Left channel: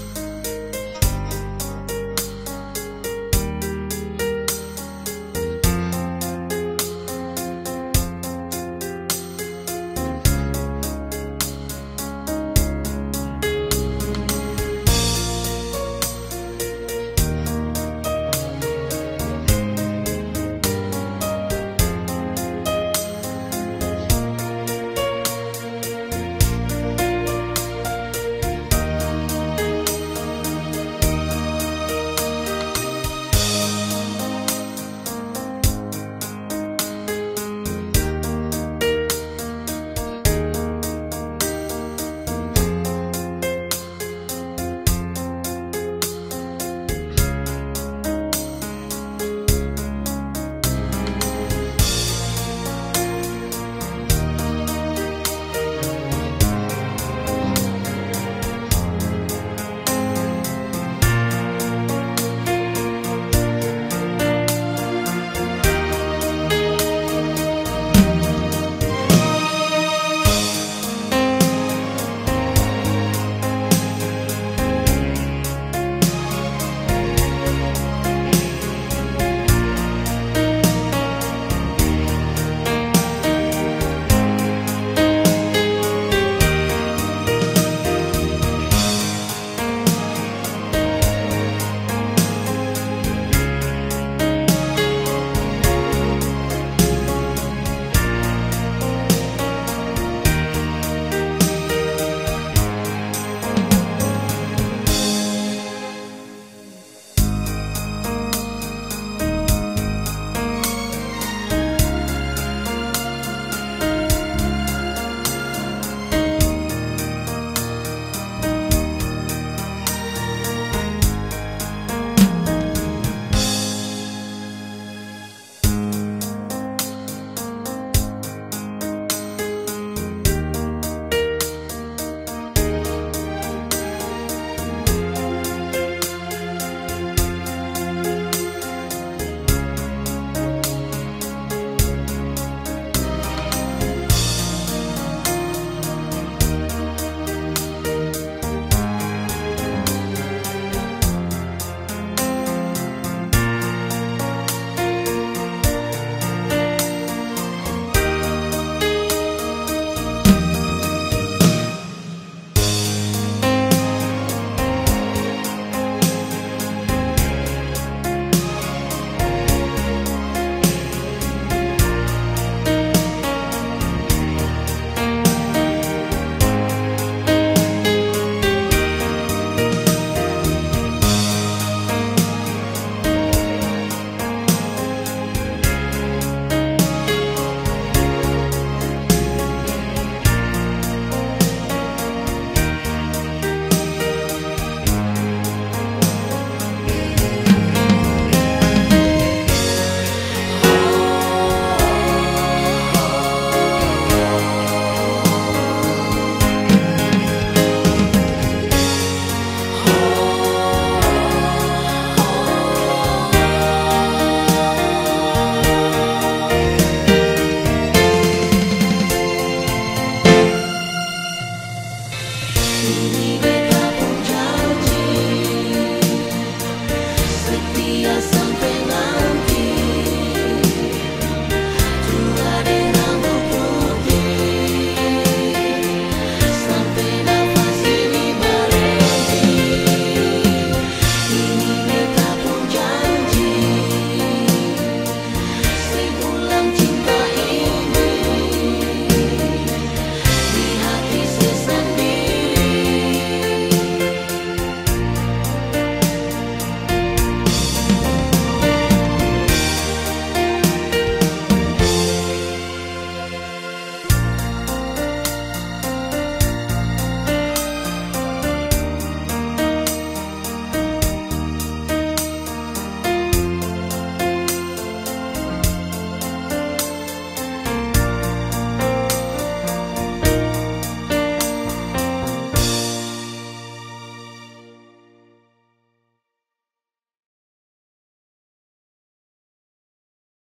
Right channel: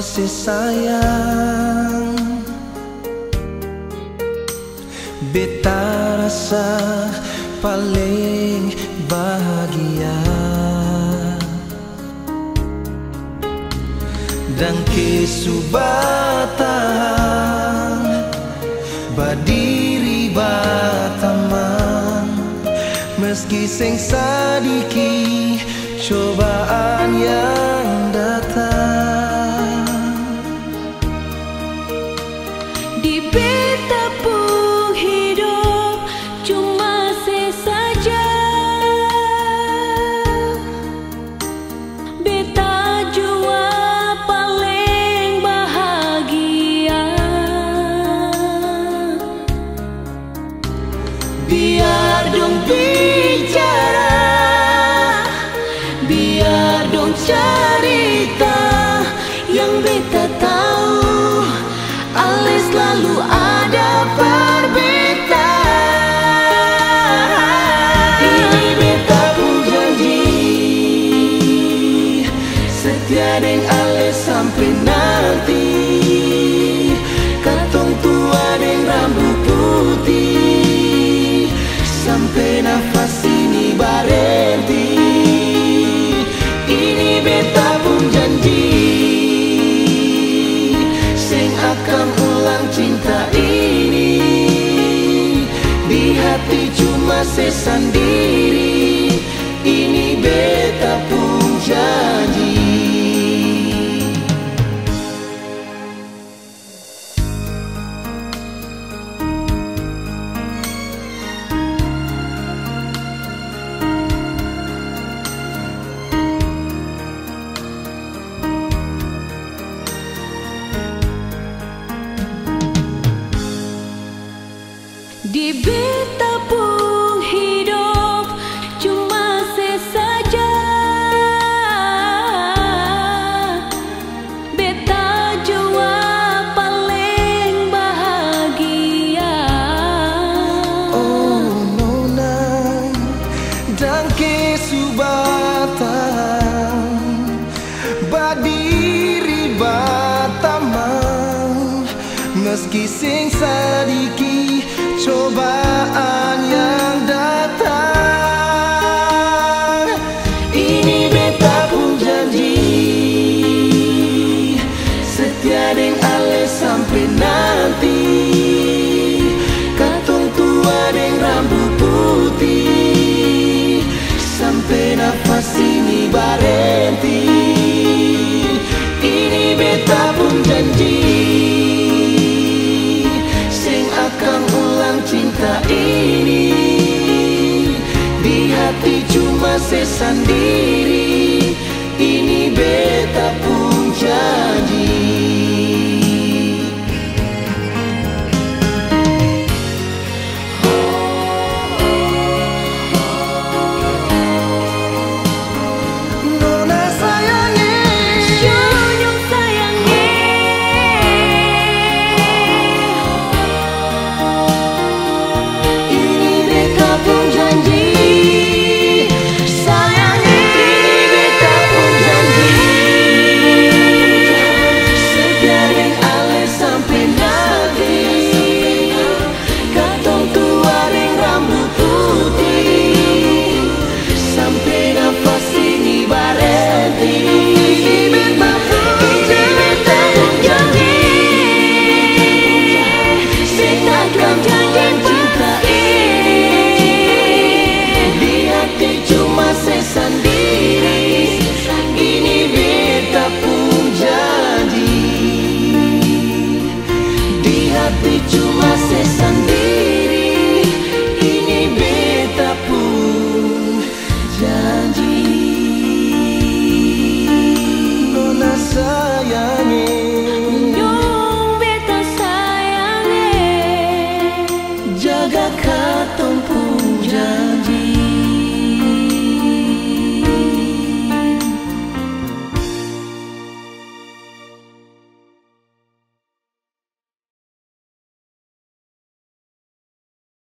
si sayang, beta rasa paling bahagia. Dan kesubatan berdiri bataman, meski sing sadiki cobaan yang datang. Di beta pun hidup cuma sesaja, beta jua paling bahagia. Biar dong bicara, biar dong cerita, yang beta tahu ale selalu ada perbedaan. Ini beta pun janji setia deng ale sampai nanti. Katong tua deng rambut putih sampai nafas ini berhenti. Ini beta pun janji sing akan ulang cinta ini. Di hati cuma sesendiri. Ini beta pun janji. Di beta pun hidup cuma sesaja, beta jua paling bahagia. Oh nona, dan kesubatan berdiri bataman, meski sing